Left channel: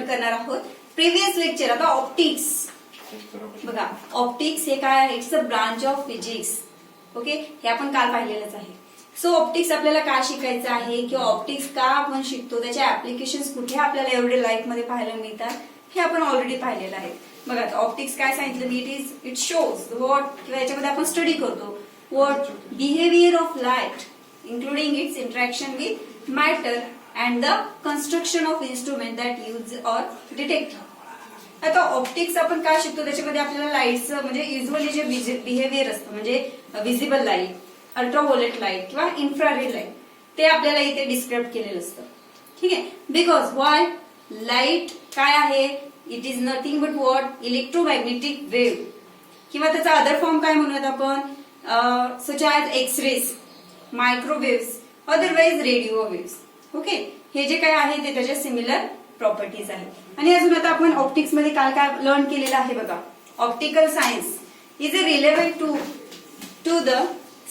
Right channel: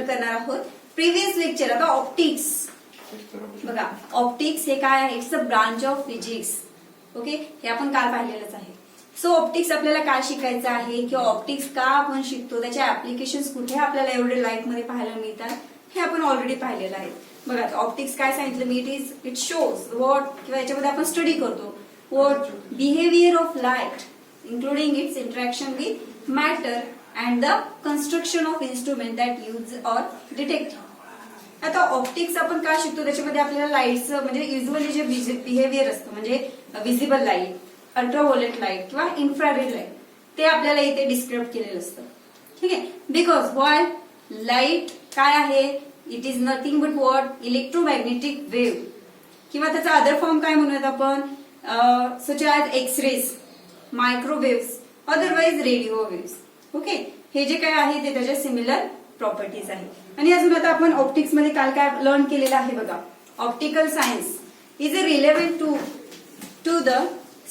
करणार आहोत previous lecture. आता ऑप्टिक्स बघा, ऑप्टिक्स हे काय आहे? It's a branch of physics. Okay, हे आपण काल पाहिलेलंच आहे. सो ऑप्टिक्स आपल्याला काय शिकायचं आहे किंवा ऑप्टिक्स का आपण शिकतो, त्याच्या ऍप्लिकेशन्स कुठे आपल्याला एवढे लाईफ मध्ये पाहायला मिळतात हे आपण ऑलरेडी पाहिलेलं आहे. बघा, ऑप्टिक्स काय सांगितलं मी, इट शोज व्हॉट, किंवा याच्यामध्ये आपण स्टडी करतो what behaviour of light including its interaction with matter and the construction of instrument that use or detect. आता ऑप्टिक्स आपण काय शिकतो, त्याच्यामध्ये आपल्याला लाईटचं म्हणजे युजली जे बिहेवियर असतं म्हणजे विजिबल लाईट, अल्ट्राव्हायोलेट लाईट किंवा इन्फ्रारेड लाईट, ते आपल्याला इथे डिस्क्राईब केलेलं असतं. ठीक आहे, बिकॉज वाय लाईट काय आहे, it is nothing but what electromagnetic wave, किंवा त्याचा अदर फॉर्म काय म्हणूयात आपण, such as X rays, microwaves, otherwise radio waves. Okay, हे जे काय आहे ते त्याच्या सिमिलर प्रॉपर्टीज आहे. आणि अजून आता आपण ऑप्टिक्स मध्ये काल काय लर्न केलेलं आहे बघा, optical science is a relevant to the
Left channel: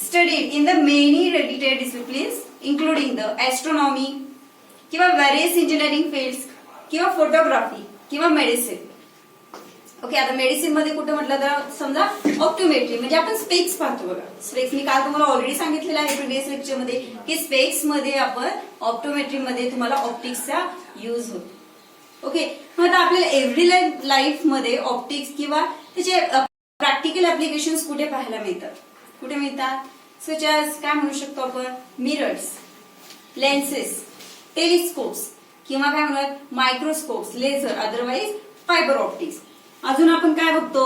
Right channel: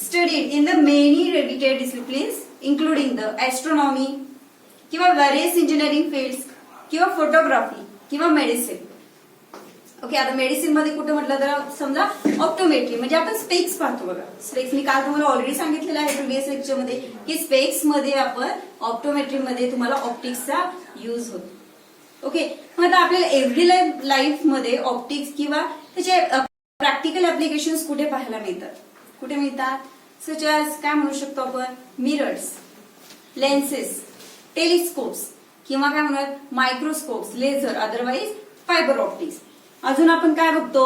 study in the many related disciplines including the astronomy किंवा व्हेरियस इंजिनिअरिंग फील्ड्स किंवा फोटोग्राफी किंवा मेडिसिन. ओके, आता मेडिसिन मध्ये कुठे म्हटलं तर समजा ऑप्टोमेट्री, म्हणजे आपण स्पेक्स पाहतो बघा. स्पेक्स मी काल तुम्हाला ऑलरेडी सांगितलेलं आहे प्रिव्हियस लेक्चर मध्ये की स्पेक्स मध्ये आपण ऑप्टोमेट्री मध्ये तुम्हाला ऑप्टिक्सचा युज होतो. ओके, मग आता आपल्याला एव्हरी लाईफ मध्ये ऑप्टिक्स किंवा त्याचे प्रॅक्टिकल ऍप्लिकेशन्स कुठे पाहायला मिळतात, कुठे मिळतात, सच ॲज काय म्हणू शकतो आपण, मिरर्स, लेन्सेस, टेलिस्कोप्स किंवा काय म्हणूयात मायक्रोस्कोप्स, लेझर, अदरवाईज फायबर ऑप्टिक्स. अजून आपण काय बघतो,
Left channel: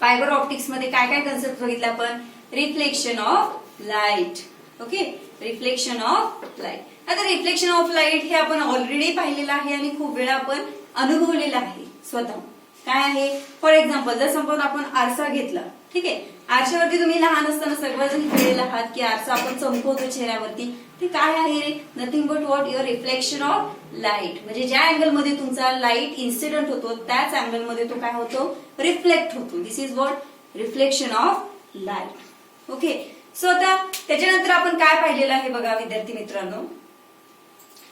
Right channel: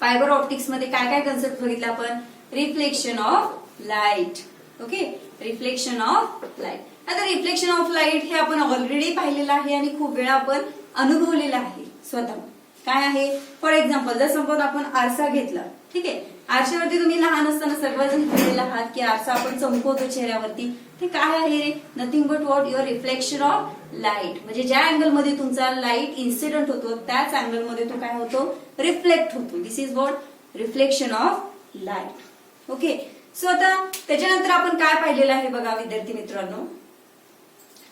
फायबर ऑप्टिक्स मध्ये काय काय कन्सेप्ट बघितला आपण, reflection of light. Okay, reflection of light. आता रिफ्लेक्शन ऑफ लाईट हे आपण ऑलरेडी पाहिलेलं आहे आणि खूप वेळा आपण अनुभवलेलं आहे स्वतः. काय आहे, फॉर एक्झाम्पल जर सपोज आपण आरसा घेतला, ठीक आहे, आरशावरती तुम्ही लहान असताना सर्वजण खेळलेला आहात की आरसा आपण चमकवतो चेहऱ्यावरती, ते काय आहे ray, nothing but what your reflection of light. म्हणजे ज्या अँगल मध्ये तुमचा लाईट इन्सिडेंट होतो त्याच अँगल मध्ये तो काय होतो, रिफ्लेक्ट होतो. This is what reflection of light. Okay, so आता त्याच्यानंतर आपण काय पाहिलेलं आहे बघा विद्यार्थी मित्रांनो,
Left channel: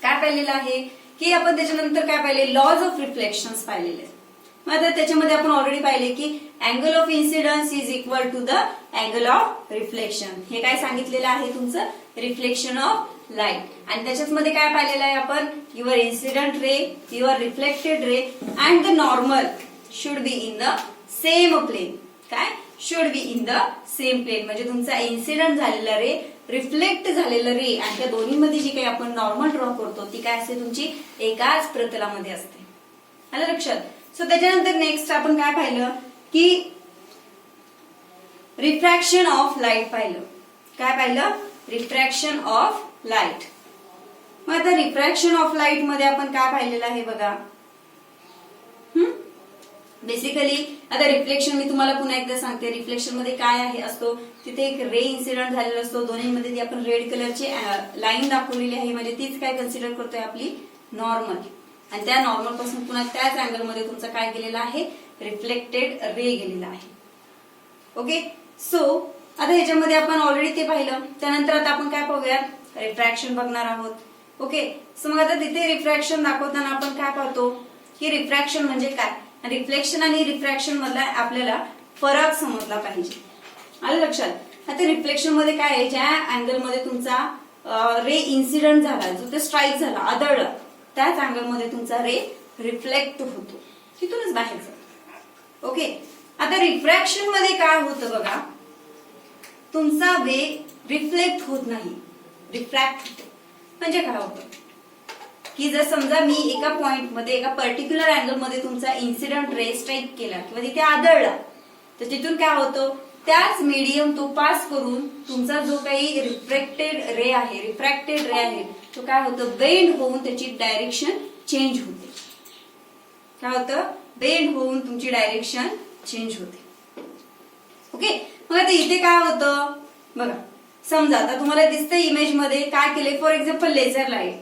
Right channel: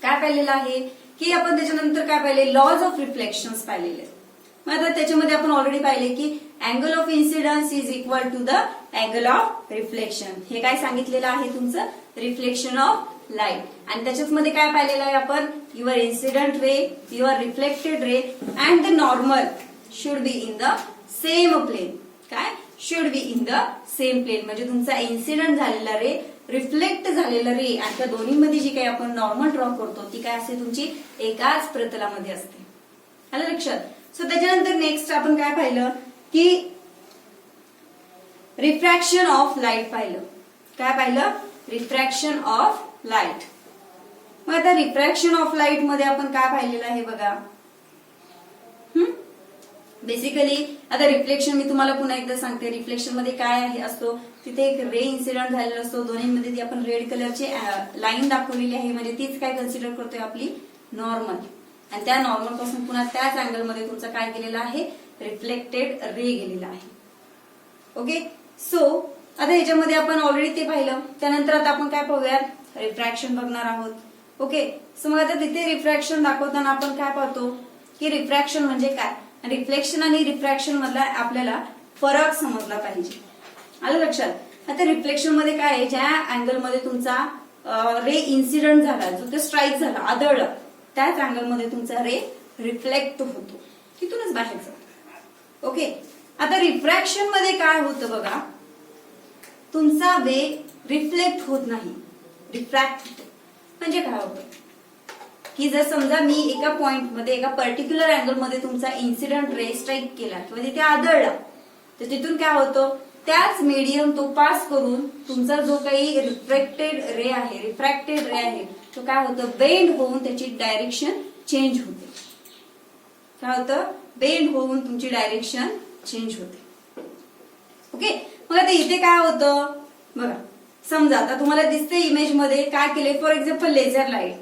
काय पाहिलेलं आहे की आपण त्याच्यानंतर काय पाहिले, लॉज ऑफ रिफ्लेक्शन पाहिलेले. मग आता त्याच्यामध्ये आपण ऑलरेडी पाहिले की angle of incidence is equal to the angle of reflection. हे काय सांगितलेलं आहे तुमचं, रिफ्लेक्शन ऑफ लाईट. आणि त्याच्यामध्ये काय पाहिलेलं आहे आपण, your incident ray, your reflected ray and the normal should be in the same plane. काय should be in the same plane, म्हणजे तुमचा इन्सिडंट झालेला रे, रिफ्लेक्ट झालेलं रे आणि त्या दोन्हीमध्ये जी काही आपण नॉर्मल ड्रॉ करतो ती काय असते, तुमची एकाच प्रतलामध्ये असते. आलं लक्षात. सो त्याच्यानंतर नेक्स्ट आपण काय पाहिलं की रिफ्रॅक्शन ऑफ लाईट पाहिलं. काय पाहिलं, रिफ्रॅक्शन ऑफ लाईट. मग आता रिफ्रॅक्शन ऑफ लाईट मध्ये आपण काय पाहिलेलं आहे बघा, बेसिकली आता रिफ्लेक्शन मी तुम्हाला पुन्हा एकदा सांगते, रिफ्लेक्शन मध्ये काय आहे असतो, तिथे एक रे इन्सिडेंट झालेला असतो, दोन्हीमध्ये आपण रेड कलरची लाईन दाखवलेली आहे, म्हणजे तीच काय कन्सिडर करतोय आपली नॉर्मल. आणि त्या नॉर्मल पासून पुन्हा त्याच अँगल मध्ये तुमचा काय गेलेला आहे, रिफ्लेक्टेड रे गेलेला आहे. ओके, सो आता ह्याच्यामध्ये आपण ऑलरेडी ते पाहिलं. त्यानंतर आता आपण काय पाहूयात, रिफ्रॅक्शन बघणार आहोत. ओके, सो मग आता तिथे रिफ्रॅक्शन दाखवताना आपण काय पाहतो की रिफ्रॅक्शन म्हणजे काय, रिफ्लेक्शन आणि रिफ्रॅक्शन मधला आपल्याला फरक समजला पाहिजे. आलं लक्षात. आता रिफ्लेक्शन मध्ये काय आहे, ज्या अँगल मध्ये तुमचा रे इन्सिडेंट झाला, जो ते स्ट्राईक झाला, आदळला, त्याच अँगल मध्ये तुमचा रे रिफ्लेक्ट होतो, तिथूनच बाहेर जातो. ओके, आता रिफ्रॅक्शन मध्ये काय होतं बघा, तुमचा वेग रिफ्लेक्ट होत नाही, रिफ्रॅक्ट होतो. म्हणजे काय होतं की जर समजा मी एका पॉइंट मध्ये एका पर्टिक्युलर अँगल मध्ये तुमचा इन्सिडेंट रे स्ट्राईक केला किंवा तिथे आदळला, तर तिथून काय होतं, त्याच मीडियम तो पास करून तुमचा जो काही रिफ्लेक्टेड रे आहे, रिफ्रॅक्टेड रे आहे, तो काय होतं, बेंड होऊन त्याची डायरेक्शन चेंज होते. काय होतं, बेंड होऊन तुमची डायरेक्शन चेंज होते. ओके, मग आता इथे काय होतं बघा, समजा आता तुम्हाला दिसतं इमेज मध्ये काय केले, फॉर एक्झाम्पल लेझर लाईट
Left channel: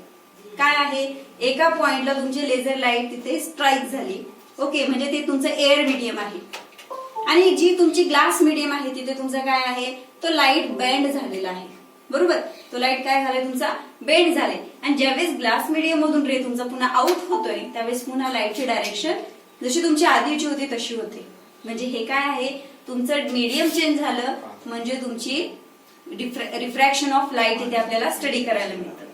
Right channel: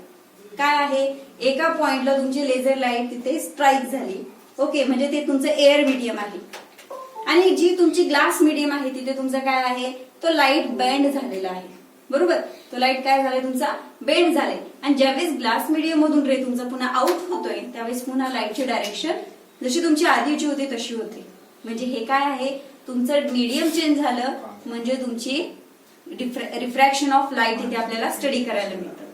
काय आहे, एका पॉइंटला तुमची लेझर लाईट तिथे स्ट्राईक झाली. ओके, म्हणजे ते तुमचं एअर मीडियम आहे आणि जी तुमची ग्लास मीडियम आहे तिथे तुमचं काय आहे, तो लाईट बेंड झालेला आहे. बरोबर. तो लाईट काय झालाय तुमचा बेंड झालाय आणि ज्यावेळेस ग्लास मीडियम मधून रे तुमचा पुन्हा आउट होतोय त्यावेळेस पुन्हा लाईटची डायरेक्शन जशी तुमची आधीची होती तशी होते. म्हणजे हे काय आहे तुमचं मीडियम चेंज झालं म्हणजे तुमची रिफ्रॅक्शन ऑफ लाईट इथे आपल्याला स्टडी करायला मिळतं.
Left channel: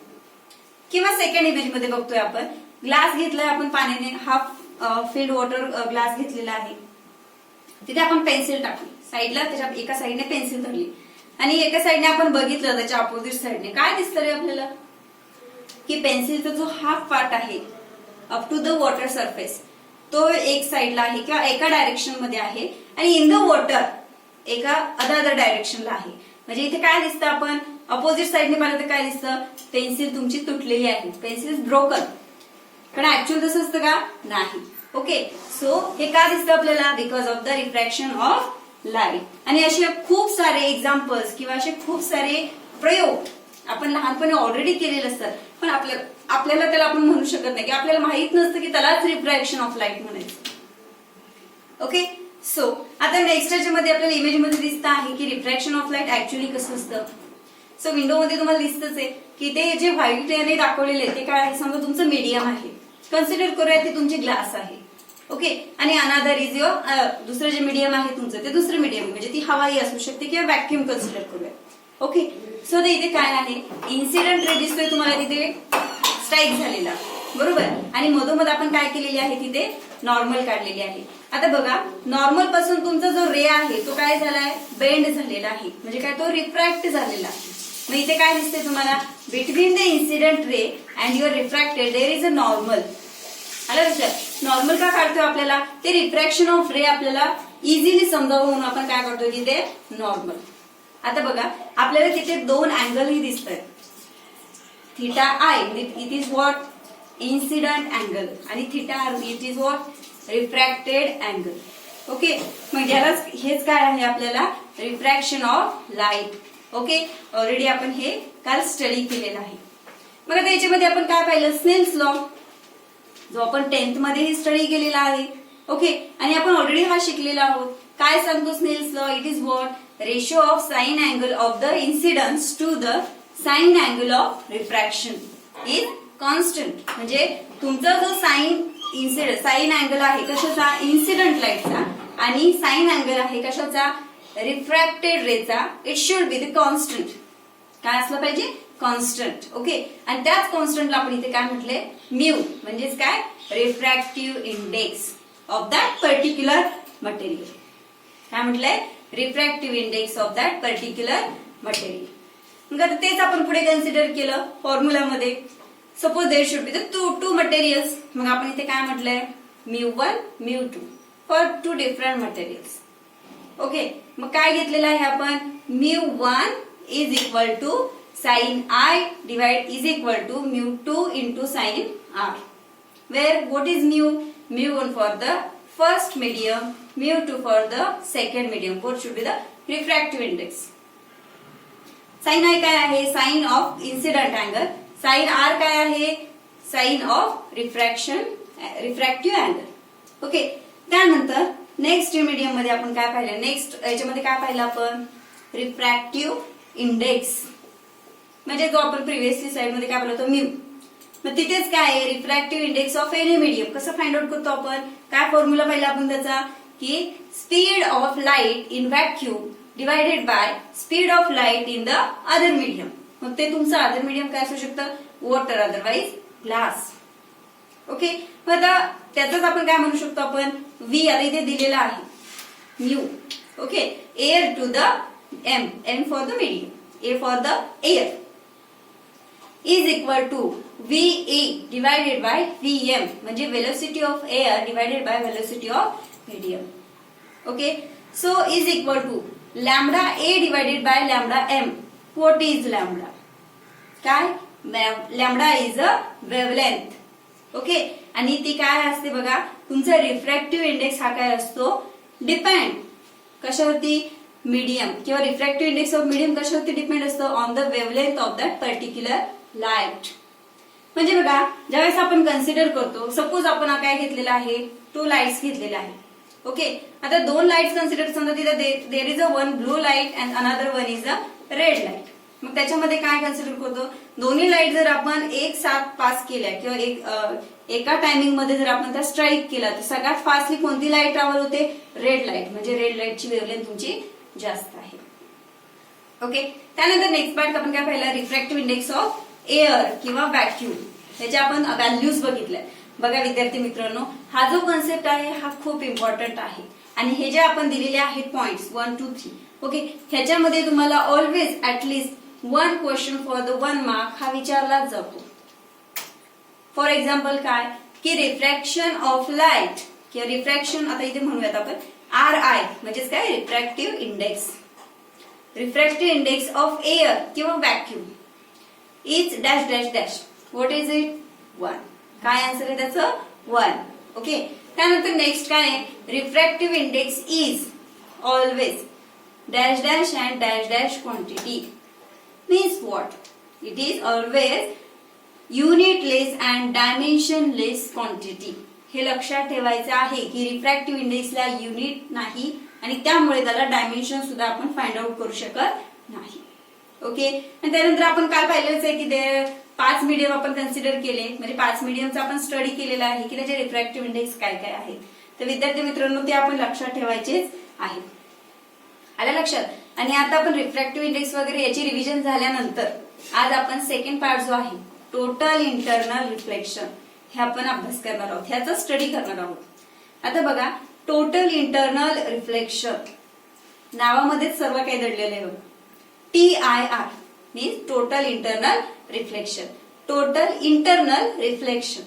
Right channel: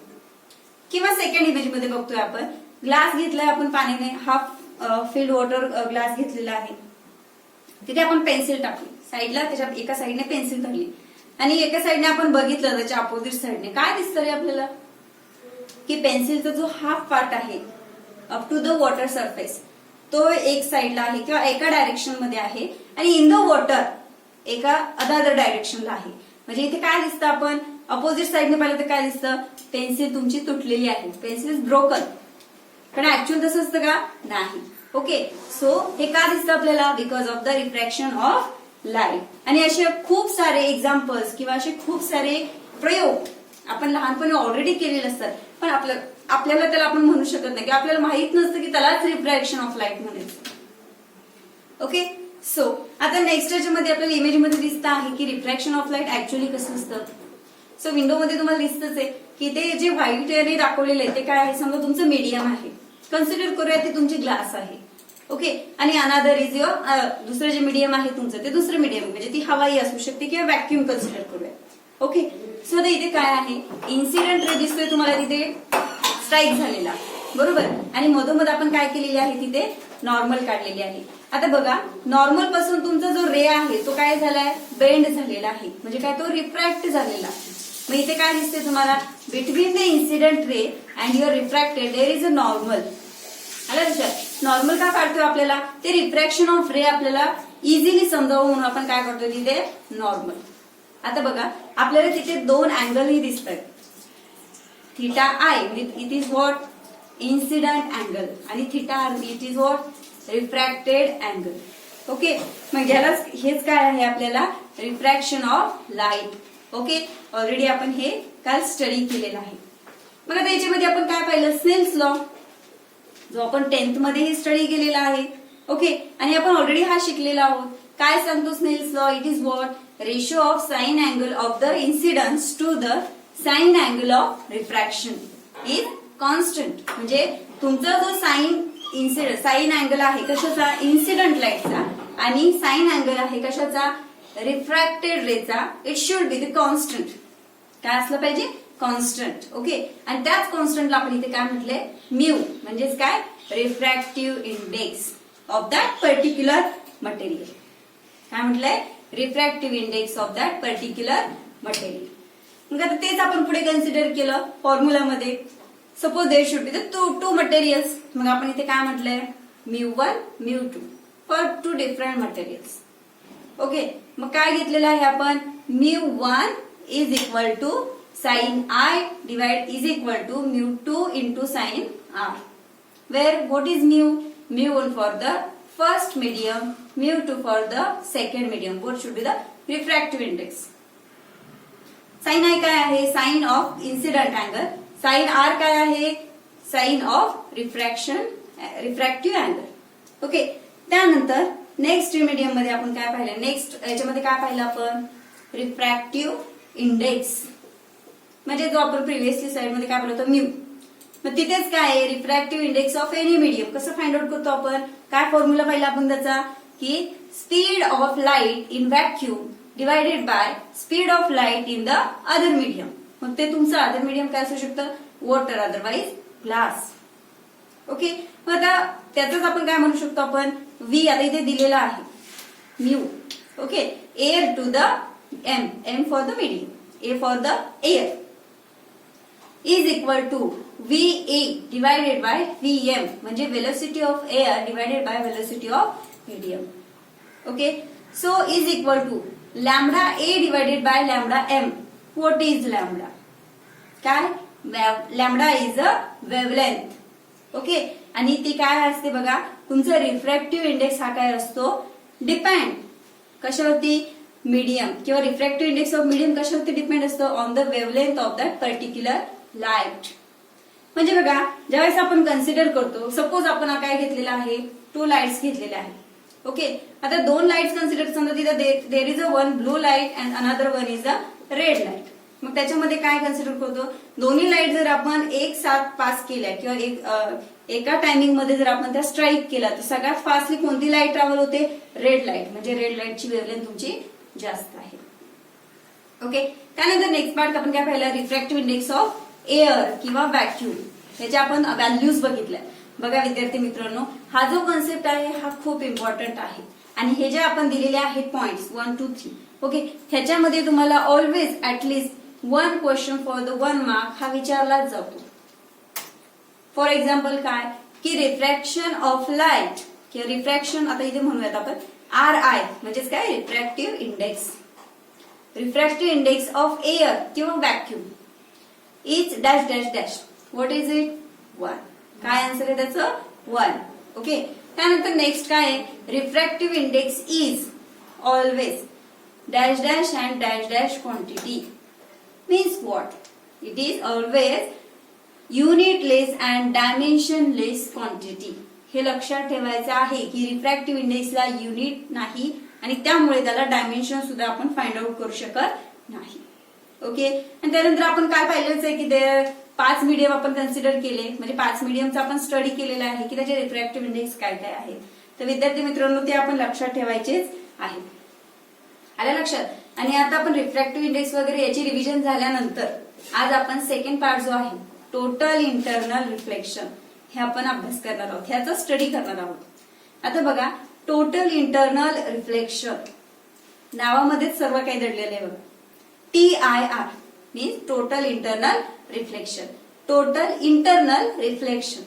किंवा सेकंड इमेज मध्ये बघतोय आपण ग्लास घेतलाय आपण पाण्याने हाफ फिल्ड वॉटर ग्लास घेतलेला आहे. तिथे आपण पेन्सिल टाकली साईडला त्याच्या एका साईडने पेन्सिल धरली आणि एका साईडने आपण बघितलं त्याच्या अपोजिट साईडने काय दिसतं रे आपल्याला की पेन्सिलचा जो हाफ पार्ट आहे up to the water surface तो एक साईडला आहे किंवा एका डायरेक्शन मध्ये आहे आणि इन द वॉटर एका अदर डायरेक्शनला आहे. म्हणजे इथे काय दिसतं आपण अपोजिट साईडने पाहिलं तर काय दिसतं पेन्सिल तुमची तुटलेली आहे पेन्सिल इज ब्रोकन. पण ऍक्च्युअल तसं असतं का नाही. ओके सो हे का दिसतं आपल्याला because of the refraction of light. आणि असे खूप सारे एक्झाम्पल्स किंवा असे खूप सारे प्रयोग आपण लहानपणी ऑलरेडी केलेले असतात पण आपल्याला त्याला आपण म्हणू शकत नाही की आपल्याला माहित नसतं की त्यालाच रिफ्रॅक्शन ऑफ लाईट म्हणायचं. ओके सो आता नेक्स्ट याच्यामध्ये आपल्याला इमेजमध्ये दिसतं आहे की रिफ्रॅक्शन ऑफ लाईट ऍक्च्युअली कसं असतं. सो विंडोमध्ये तुम्हाला दिसतच आहे की ते जे व्हाईट याने दाखवलेलं आहे ते काय आहे समजा तुमचं मीडियम आहे. कन्सिडर करूया ते तुमची ग्लास आहे. ओके आणि अनादर इज युअर दुसरं जे मीडियम आहे तुमचं ते दुसरं मीडियम म्हणजे ती हवाई असू शकते किंवा व्हॅक्युम कन्सिडर करूया. ओके सो ते इथे काय आहे इन्सिडेंट रे दिसतोय तुम्हाला तिथे स्ट्राईक झालेला बरोबर आणि मधोमध आपण काय केलेली आहे तिथे नॉर्मल काढलेली आहे. आता बघा नॉर्मल पासून तुमचा जो रे आहे तो काय झालाय बेंड झालेला आहे म्हणजे काय तो रिफ्रॅक्ट झालेला आहे. मग इथे काय दिसते तुम्हाला between the incident ray and your refracted there is a normal. आला लक्षात नॉर्मल का काढतोय आपल्याला ते रिफ्रॅक्शन ऑफ रे आपल्याला इझिली समजावं म्हणून आपण काय करतोय तिथे नॉर्मल. आता बघा आपल्याला तिथे दोन अँगलही दिसत आहेत theta i it is what incident angle आणि theta r it is what refracted angle. Okay मग याला हेच काय आहे आपल्याला refraction of light. Okay already आपण हे काल स्टडी केलेलं आहे. मग आता याच्यामध्ये आपण काय पाहिलं स्नेल्स लॉ जो आपण 10th मध्येही स्टडी केलेला आहे. ओके आणि आपण ऑलरेडी हा शिकलेला आहोत. काय सांगतो Snell's law it is what ratio of sine angle of the incidence to the sine angle of refraction is constant. म्हणजे तुमचा जो साइन अँगल आहे कशाचा इन्सिडंट लाईटचा आणि साइन अँगल आहे कशाचा रिफ्रॅक्टेड रेचा it should be the constant. काय असलं पाहिजे कॉन्स्टंट. ओके आणि त्याच कॉन्स्टंटला आपण इथे काय म्हटलंय म्यू म्हणजेच काय refractive index of that particular material. काय म्हटलंय refractive index of that particular material. मग आता तेच आपण पुढे कन्सिडर केलं फॉर्म्युलामध्ये. Suppose there should be the two materials मग आपण इथे काय म्हटलंय μ1 μ2 for two different materials. Okay मग काय घेतलेलं आहे आपण μ1 is equal to sine I divide is equal to μ2 into sine R. Where what is μ1 for the first medium, μ2 for the second medium. What should be the refractive index? Sine I काय आहे sine of incident angle. Sine R काय आहे sine of refractive angle. Okay त्यानंतर next medium मध्ये आपण काय पाहिलं next याच्यामध्ये काय पाहिलं आपण रिफ्रॅक्टिव्ह इंडेक्स म्हणजे जो आपण प्रिव्हियसली स्लाइड मध्ये काय बोलतो म्यू. मग तिथेच काय आहे refractive index of any medium कसं फाइंड आउट करतो आपण काय फॉर्म्युला पाहिला आपण त्याचा की speed of light in vacuum divided by speed of light in the other medium. मग ते तुमचं अदर मीडियम काय असू शकतं वॉटर अदरवाइज ग्लास. ओके मग आता त्याच आपण काय म्हणू शकतो आपण व्ही आता इथे दिलेला आहे mu. Okay air to the M for the medium A for the air is equal to VA divided by VM म्हणजे velocity of air divided by velocity of medium. Okay so is equal to lambda A divided by lambda M. What is lambda काय lambda is a wavelength. Okay आणि ती काय असते बघा तुमचा refractive index हा काय असतो डिपेंड कशावरती मीडियम किंवा रिफ्रॅक्टिव्ह इंडेक्स ऑफ मीडियम कशावरती डिपेंड असतो on the wavelength of that particular light. म्हणजे बघा ज्यावेळेस आपण कन्सिडर करतो सपोज आपण काय घेतलेला आहे 2 लाईट्स घेतलेल्या आहे. ओके आता 2 लाईट्स कन्सिडर समजा तिथे there is a one blue light and another one is a red light. मग त्याच्यामध्ये काय कन्सिडर करतो, दोन्ही लाईट जर आपण एक साथ पास केल्या किंवा एका टायमिंग मध्ये जर आपण त्या स्ट्राईक केला तर सगळ्यात फास्टली कोणती लाईट ट्रॅव्हल होते, रेड लाईट, म्हणजे रेड लाईटची वेव्हलेंथ तुमची जास्त आहे. ओके, त्यानंतर नेक्स्ट पार्ट आपण काय पाहिलं, रिफ्रॅक्टिव्ह इंडेक्स ऑफ एअर किंवा व्हॅक्यूम, त्याच्या आपण व्हॅल्यूज बघितल्या. बघा विद्यार्थी मित्रांनो, हा जो कन्सेप्ट आहे हा खूप इम्पॉर्टंट आहे आणि हे जे आपण दिलेले आहेत पॉइंट्स 1, 2, 3, ओके, ह्याच्यामध्ये तुम्हाला always at least 1 question for the 1 mark हा विचारलाच जातो. फॉर एक्झाम्पल काय की रिफ्रॅक्शन ऑफ लाईट किंवा रिफ्रॅक्शन, आता इथे म्हणूयात आपण RI म्हणजेच काय, refractive index. Refractive index of air किंवा vacuum is dash dash dash, what is it, 1. काय आन्सर आहे त्याचं, 1. ओके, त्यानंतर नेक्स्ट काय आहे, refractive index is always dash dash and dash dash quantity, means what, it is always unitless and dimensionless quantity. हे लक्षात ठेवायचं आहे की रिफ्रॅक्टिव्ह इंडेक्सला युनिट नाही आणि त्यामुळे त्याला डायमेन्शन सुद्धा आपण फाइंड आउट करू शकत नाही. ओके, आणि त्यानंतर आपण काय पाहिलंच आहे की ते 5 मीडियम आपण कन्सिडर केले, म्हणजे 5 मीडियमचा आपण स्टडी केलेला आहे की त्याचे रिफ्रॅक्टिव्ह इंडेक्स काय काय आहेत. तर विद्यार्थी मित्रांनो ते आपण लक्षात ठेवायचेच आहे. आल्या लक्षात. आणि आता आपण रिफ्रॅक्टिव्ह इंडेक्स वगैरे याची रिव्हिजन झाल्यानंतर आज आपण सेकंड पार्ट जो आहे टोटल इंटरनल रिफ्लेक्शन हे आपण अभ्यास करणार आहोत, ह्याचा स्टडी करणार आहोत. आता बघा, टोटल इंटरनल रिफ्लेक्शन नावामध्येच सर्व काही दडलेलं आहे बघा. TIR means total internal reflection. Total internal reflection,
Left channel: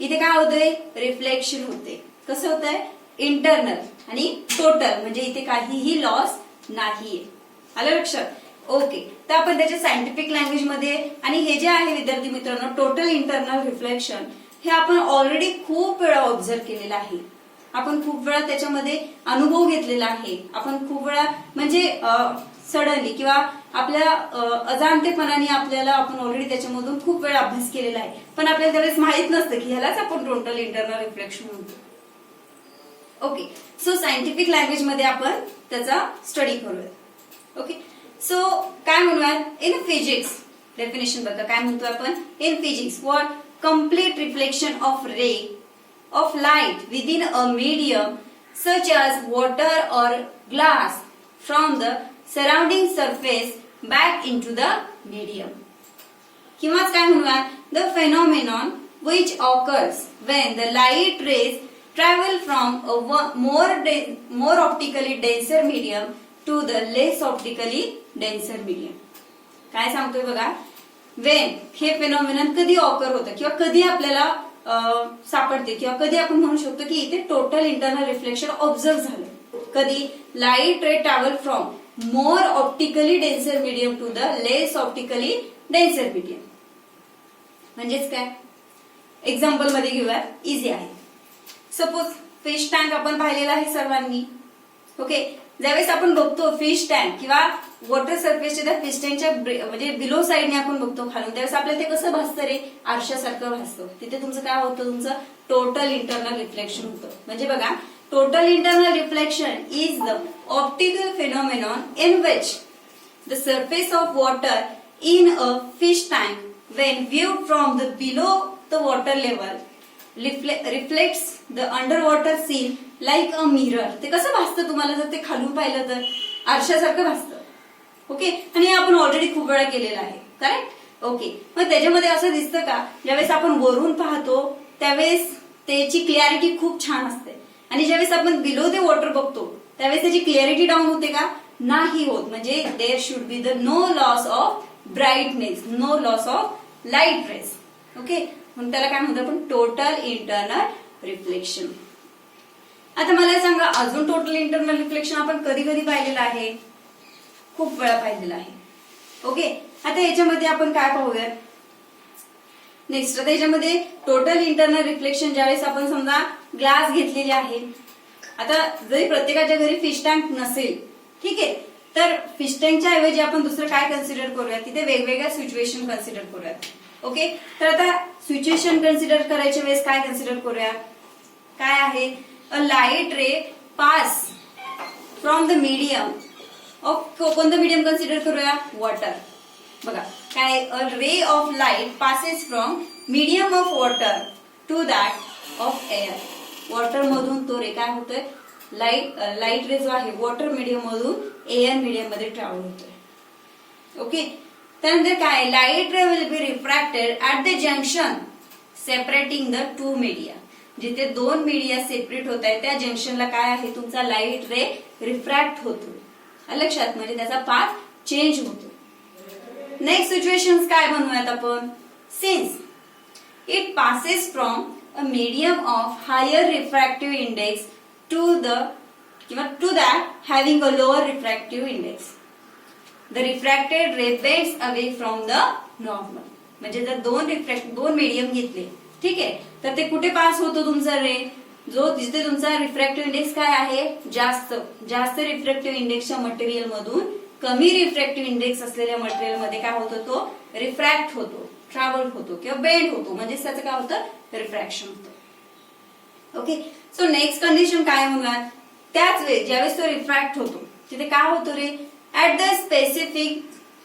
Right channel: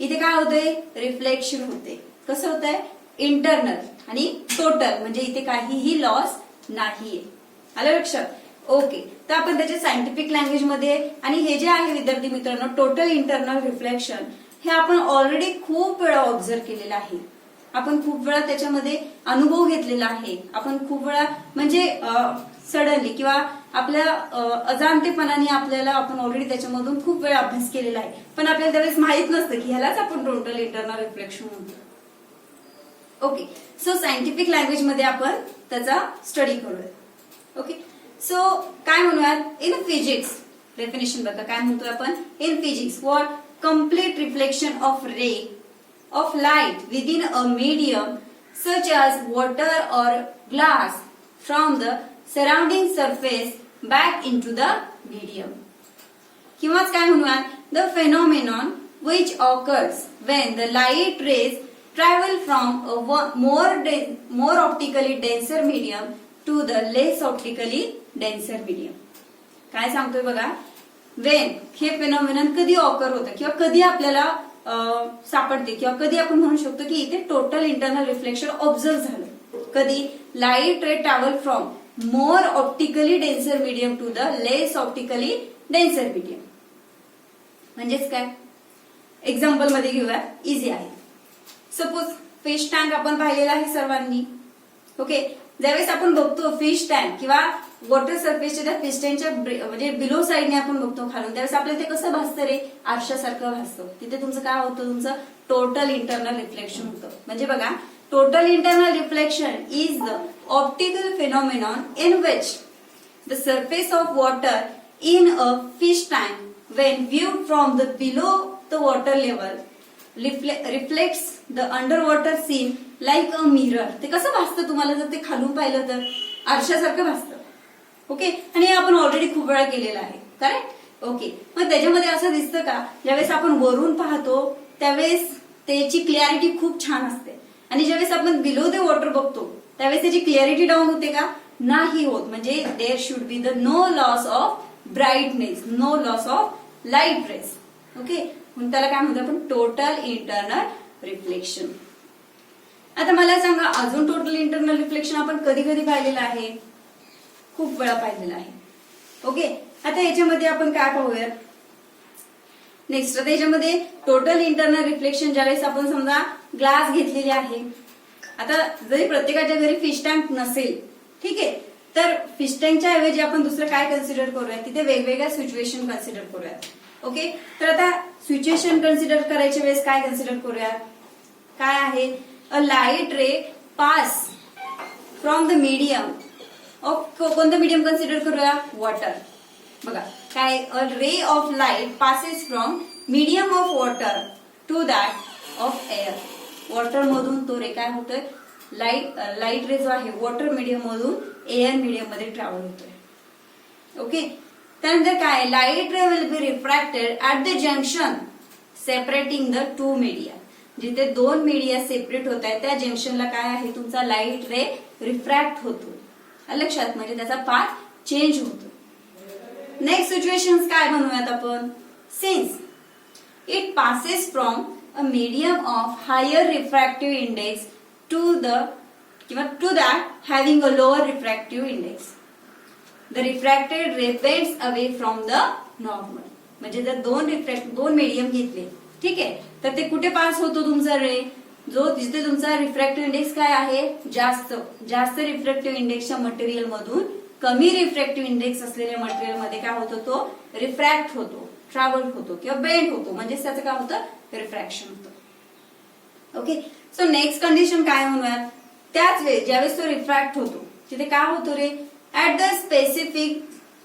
इथे काय होतंय, रिफ्लेक्शन होते. कसं होतंय, इंटरनल, आणि टोटल म्हणजे इथे काहीही लॉस नाहीये. आलं लक्षात. ओके, तर आपण त्याच्या सायंटिफिक लँग्वेज मध्ये, आणि हे जे आहे विद्यार्थी मित्रांनो टोटल इंटरनल रिफ्लेक्शन हे आपण ऑलरेडी खूप वेळा ऑब्झर्व केलेलं आहे. आपण खूप वेळा त्याच्यामध्ये अनुभव घेतलेला आहे. आपण खूप वेळा म्हणजे सडनली किंवा आपल्या अजाणतेपणाने आपल्याला आपण ऑलरेडी त्याच्यामधून खूप वेळा अभ्यास केलेला आहे, पण आपल्याला त्यावेळेस माहित नसतं की ह्यालाच आपण टोटल इंटरनल रिफ्लेक्शन म्हणतो. ओके, सो सायंटिफिक लँग्वेज मध्ये आपण त्याचा स्टडी करूया. ओके, सो काय म्हणूयात, इन फिजिक्स डेफिनेशन बघा काय म्हणतोय आपण, in physics for complete reflection of ray of light within a medium such as water or glass from the surrounding surface back into the medium. किंवा काय म्हणूया, the phenomenon which occurs when the light rays travel from a more optically denser medium to the less optically denser medium. काय सांगतोय बघा, when हे फेनॉमिनन कधी occur होतं किंवा कधी आपल्याला सापडते किंवा कधी आपण म्हणू शकतो की इथे टोटल इंटरनल रिफ्लेक्शन ऑब्झर्व झालं, कधी light ray travel from more optically denser medium to the less optically denser medium. म्हणजेच काय, एक्झाम्पल मध्ये घेऊया, इझी आहे. सपोज फिश टँक आपण पाहिलेला आहे सर्वांनी. ओके, ज्यावेळेस आपण बघतो फिश टँक किंवा वॉटर सरफेसच्या त्या फिश टँकच्या म्हणजे बिलो साईडने आपण बघतो खालून, त्यावेळेस आपल्याला ते कसं भासतं रे, आरशासारखं भासतं. तिथे तुमचं काय होतं, तुमचं टोटल इंटरनल रिफ्लेक्शन होतं. म्हणजे बघा, total internal reflection is the optical phenomenon in which the surface of water in a fish tank when viewed from the below the water level reflects the under water scene like a mirror. ते कसं भासतं तुम्हाला जर ते खालून पाहिलं तर आरशासारखं भासतं. Okay, आणि हे आपण ऑलरेडी खूप वेळा केलेलं आहे, करेक्ट. ओके, मग त्याच्यामध्ये असं दिसतं का, ज्यावेळेस आपण वरून पाहतो त्यावेळेस त्याची क्लिअरिटी खूप छान असते, आणि ज्यावेळेस आपण बिलो द वॉटर बघतो त्यावेळेस त्याची क्लिअरिटी डाऊन होते का, नाही होत. म्हणजे there should be the no loss of brightness, no loss of light rays. Okay, मग त्याला काय म्हणतो आपण, टोटल इंटरनल रिफ्लेक्शन. आता मला सांगा, अजून टोटल इंटरनल रिफ्लेक्शन आपण कधी कधी पाहिलेलं आहे, खूप वेळा पाहिलेलं आहे. ओके, आता याच्यामध्ये आपण काय पाहूयात नेक्स्ट. आता याच्यामध्ये टोटल इंटरनल रिफ्लेक्शन ज्यावेळेस आपण समजा ग्लास घेतलेले आहे. आता जरी प्रत्येकाच्या घरी फिश टँक नसेल, ठीक आहे, तर फिश टँकच्या ऐवजी आपण दुसरं काय कन्सिडर करूयात, तिथे वेगवेगळ्या सिच्युएशन कन्सिडर करूयात. ओके, तर आता सिच्युएशन कन्सिडर करायच्या वेळेस काय कन्सिडर करूयात, काय आहे, a light ray pass from the medium of कोणतं मीडियम कन्सिडर करूया? वॉटर. बघा काय, a ray of light passes from medium of water to that of air. Water मधून तो रे काय होतोय, लाईट रे जो आहे वॉटर मीडियम मधून एअर मीडियम मध्ये ट्रॅव्हल होतोय. ओके. त्यानंतर काय, light ray will be refracted at the junction separating the two media. जिथे दोन मीडिया सेपरेट होत आहे त्या जंक्शनला काय आहे, तुमचा लाईट रे रिफ्रॅक्ट होतो. लक्षात, म्हणजे त्याचा पाथ चेंज होतो. नेक्स्ट सिच्युएशन काय म्हणूयात आपण, since it passes from a medium of higher refractive index to that having a lower refractive index, the refracted ray bends away from the normal. म्हणजे जर दोन मीडियम घेतले, ठीक आहे, तर ते कुठे पास होतो तुमचा रे, जिथे तुमचा रिफ्रॅक्टिव्ह इंडेक्स काय आहे, जास्त रिफ्रॅक्टिव्ह इंडेक्सच्या मटेरियल मधून कमी रिफ्रॅक्टिव्ह इंडेक्स असलेल्या मटेरियल मध्ये काय होतो, तो रिफ्रॅक्ट होतो, ट्रॅव्हल होतो किंवा बेंड होतो. म्हणजे त्याचं काय होतं, रिफ्रॅक्शन होतं. ओके. सो नेक्स्ट कंडिशन काय म्हणूयात, त्याच वेळी ज्यावेळेस तो रिफ्रॅक्ट होतो तिथे काय होतो रे, ऍट द स्पेसिफिक,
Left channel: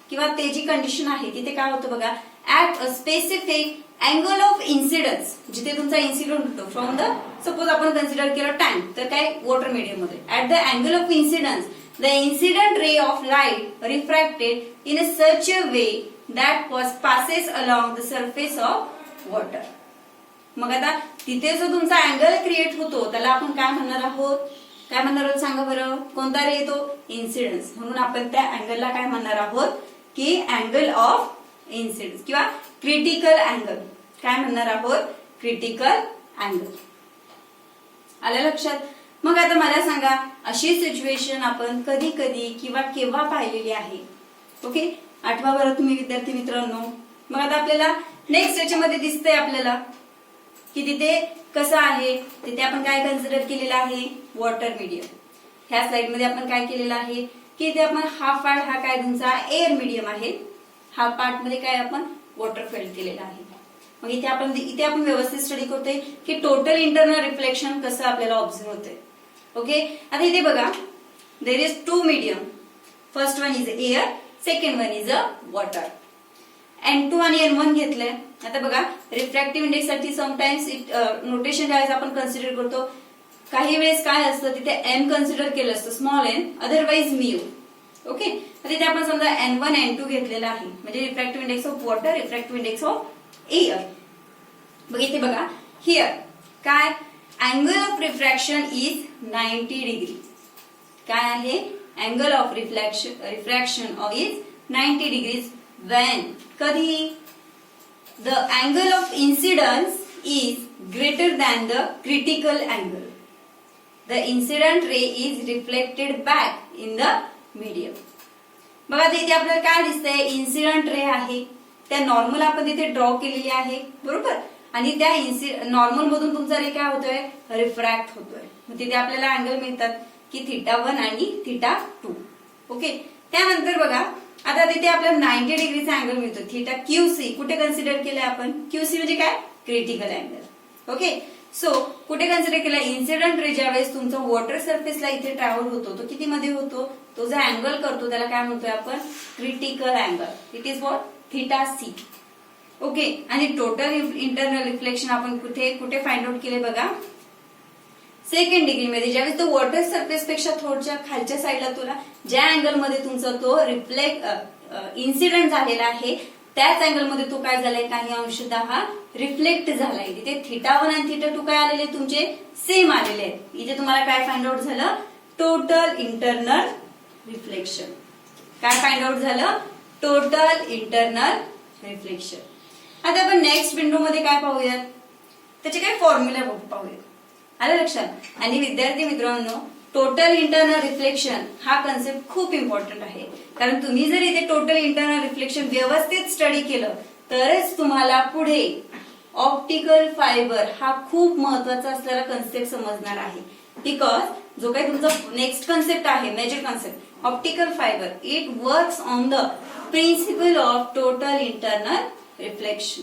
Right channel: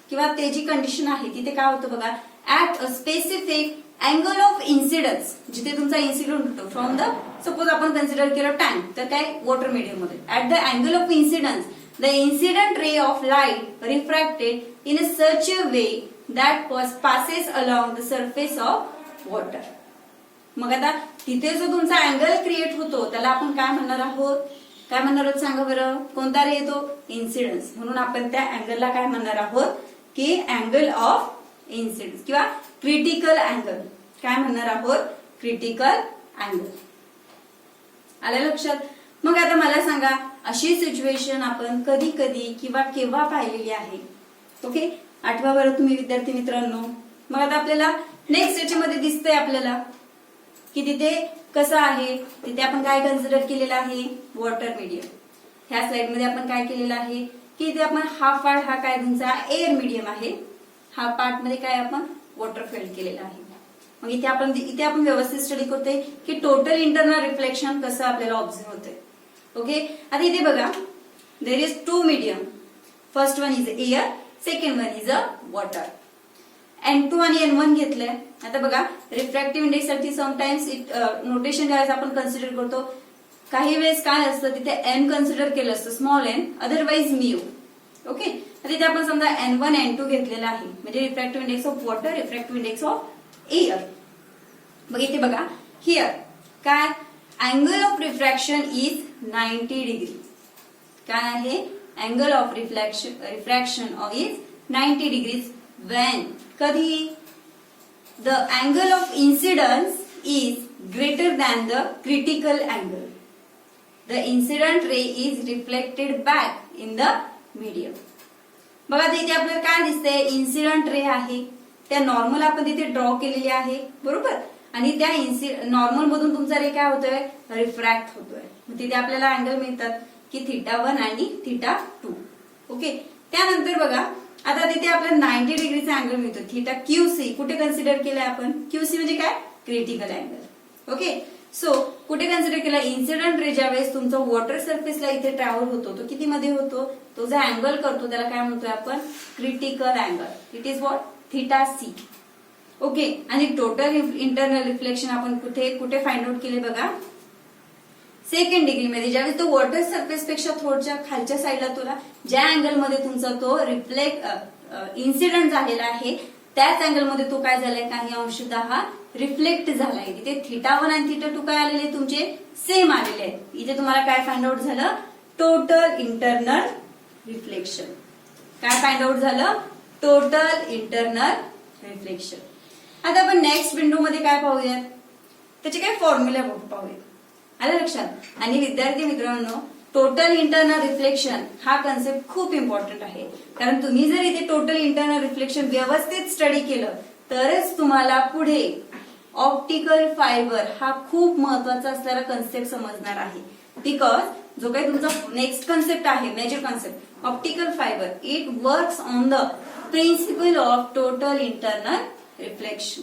किंवा ते जी कंडिशन आहे तिथे काय होतं बघा, at a specific angle of incidence. जिथे तुमचा इन्सिडेंट होतो फ्रॉम द, सपोज आपण कन्सिडर केलं टाइम, तर काय वॉटर मीडियम मध्ये, at the angle of incidence the incident ray of light refracted in a such a way that passes along the surface of water. मग आता तिथे जो तुमचा अँगल क्रिएट होतो त्याला आपण काय म्हणणार आहोत, सांगा बरं, कोणता रे येतो, इन्सिडन्स. म्हणून आपण त्या अँगलला काय म्हणणार आहोत की अँगल ऑफ इन्सिडन्स किंवा क्रिटिकल अँगल. काय म्हणणार आहोत, क्रिटिकल अँगल. आलं लक्षात. मग आता मला सांगा, अशी सिच्युएशन आपण कधी कधी किंवा केव्हा पाहिलेली आहे. ओके, आठवा बरं तुम्ही विद्यार्थी मित्रांनो. मग आता आपल्याला नेक्स्ट याच्यामध्ये दिसतंय आपल्याला की तिथे कसं आहे, तिथे आपण काय कन्सिडर केलेलं आहे, वॉटर मीडियम. ह्या स्लाइड मध्ये आपण काय केलेलं आहे की इथे आपण हा पार्ट हा काय तुमचा एअर मीडियम आहे, हा पार्ट मध्ये काय आपण वॉटर फिल्ड केलेला आहे. मग इथे आपण व्यवस्थित स्टडी करतोय की टोटल इंटरनल रिफ्लेक्शन कसं आपल्याला ऑब्झर्व होतंय. ओके. आता इथे बघा, there is two medium, first one is air, second one is a water. N2 आणि N1 घेतलंय. आता बघा, रिफ्रॅक्टिव्ह इंडेक्स साठी समटाइम्स नोटेशन काय आपण कन्सिडर करतो, काही वेळेस काय असतं तिथे एम कन्सिडर केलं असतं, small N, otherwise mu. Okay. तिथे आपण समजा N1 N2 घेतलेला आहे, म्हणजे refractive index of water, refractive index of air. मग इथे बघा, हिअर काय, angle of refraction is 90 degree. काय आहे, angle of refraction is 90 degrees when, कधी, the angle of incidence is greater than the critical angle. The incident ray is reflected back in the medium. बघा तिथे आपल्याला काय दिसतंय, incident ray आहे, त्या नॉर्मल आपण तिथे ड्रॉ केलेली आहे, बरोबर, आणि त्या नॉर्मल मधून तुमचा रे काय होतोय, रिफ्रॅक्ट होतोय. मग तिथे आपल्याला अँगल मिळतात की θ1 आणि θ2. ओके. त्यानंतर बघा, आता तिथे आपल्याला 90 डिग्रीचा अँगल मिळतो, थीटा QC. कुठे कन्सिडर केलाय आपण, QC म्हणजे काय, क्रिटिकल अँगल. ओके. सो कुठे कन्सिडर केला, इन्सिडेंट रे ज्यावेळेस तुमचा वॉटर सरफेसला इथे ट्रॅव्हल होतो, तो किती मध्ये होतो, तो जो अँगल करतो त्याला काय म्हणतोय आपण, critical angle. It is what, θC. Okay. आणि टोटल इंटरनल रिफ्लेक्शन आपण कुठे फाइंड आउट केले बघा, सेकंड डिग्री मध्ये. ज्यावेळेस तो वॉटर सरफेस पेक्षा थोडच्या खालच्या साईडला तुला ज्या अँगल मध्ये तुमचा तो इन्सिडेंट झालेला आहे त्याच अँगल मध्ये तो काय झालाय, काही अंशतः रिफ्लेक्ट झालाय. तिथे θ1 आणि θ2 काय आलेले तुमचे, सेम आलेले आहेत. इथे तुम्हाला काय फाइंड आउट झालं, टोटल इंटरनल रिफ्लेक्शन. काय फाइंड आउट झालं, टोटल इंटरनल रिफ्लेक्शन. आता आपण नेक्स्ट विंडो मध्ये काय पाहूयात, त्याचे काय फॉर्म्युला पाहूयात. आलं लक्षात. आणि विद्यार्थी मित्रांनो, टोटल इंटरनल रिफ्लेक्शन हा कन्सेप्ट खूप इम्पॉर्टंट आहे, कारण तुम्ही जर इथे टोटल इंटरनल रिफ्लेक्शन व्यवस्थित स्टडी केलं तरच तुम्हाला पुढे ऑप्टिकल फायबर हा खूप महत्वाचा असलेला कन्सेप्ट समजणार आहे. बिकॉज जो काही तुमचा नेक्स्ट कन्सेप्ट आहे, major concept optical fibre, it works on the principle of total internal reflection.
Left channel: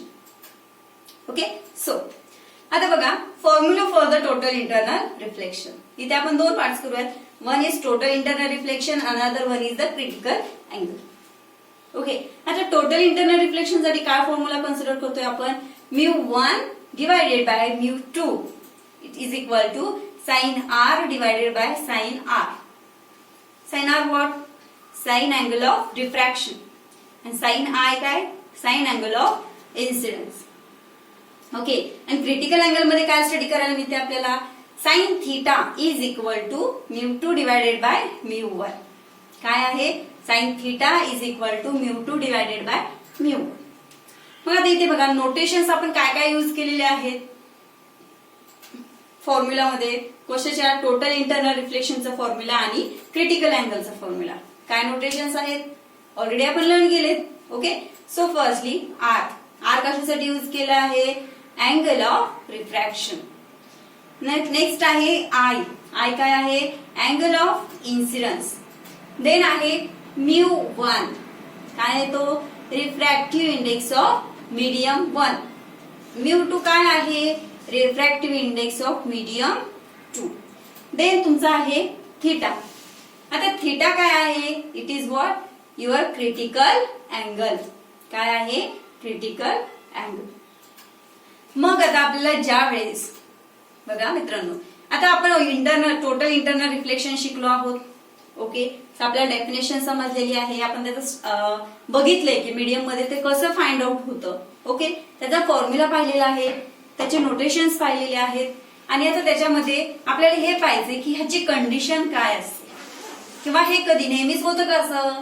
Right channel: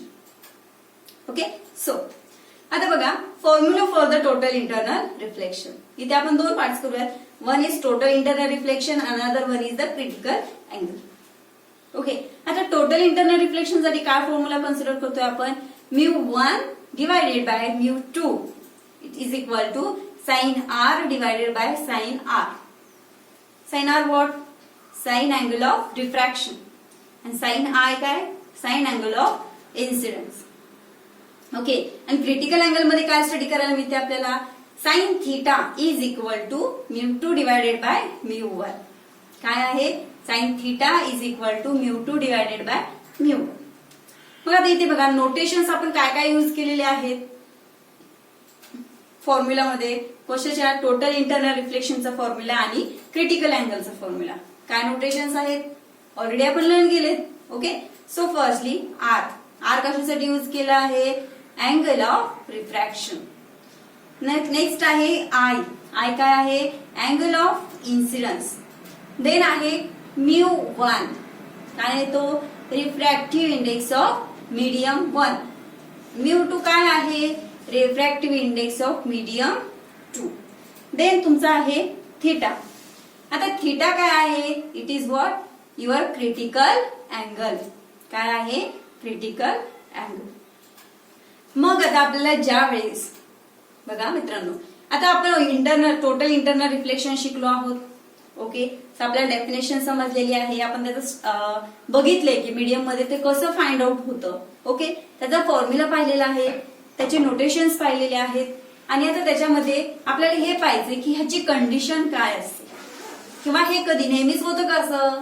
Okay. So आता बघा, formula for the total internal reflection. इथे आपण दोन पार्ट्स करूयात. One is total internal reflection, another one is the critical angle. Okay, आता total internal reflection साठी काय formula consider करतोय आपण? μ1 divided by μ2 it is equal to sine r divided by sign r. Sine r what? Sine angle of refraction. आणि sine i काय? Sine angle of incidence. Okay, आणि critical angle मध्ये काय study करायला मिळते आपल्याला? Sine theta is equal to μ2 divided by μ1. काय आहे? Sine theta is equal to μ2 divided by μ1. मग आता इथे बघा नोटेशन्स आपण काय काय युज केलेले आहेत फॉर्म्युलामध्ये. कशाच्या? टोटल इंटरनल रिफ्लेक्शनचा फॉर्म्युला आणि क्रिटिकल अँगलचा फॉर्म्युला. काय नोटेशन्स आहेत? ऑलरेडी आपण लर्न केलेत. Okay, so firstly R. R कशासाठी युज केला आहे? Angle of refraction. नेक्स्ट आहे आय. आय काय आहे? Angle of incidence. देन आहे μ1. काय आहे तो? Refractive index of medium 1. μ2 काय आहे? Refractive index of medium 2. Then तुमचा आहे थीटा. आता थीटा काय आहे? It is what? Your critical angle. काय आहे? Critical angle. मग आता आपल्याला ज्या वेळेस बघा मित्रांनो, आता आपण टोटल इंटरनल रिफ्लेक्शन शिकलो आहोत. ओके, आपल्याला डेफिनेशन समजलेली आहे. आपण त्याचं बघितलंय की मीडियम मध्ये ते कसं फाइंड आउट होतं. ओके, त्याचा फॉर्म्युला पाहिलेला आहे, त्याचे नोटेशन्स पाहिलेले आहेत. आणि आता त्याच्यामध्ये आपल्याला हे पाहिजे की ह्याची कंडिशन काय असते किंवा हे कधी नेहमीच होतं का असं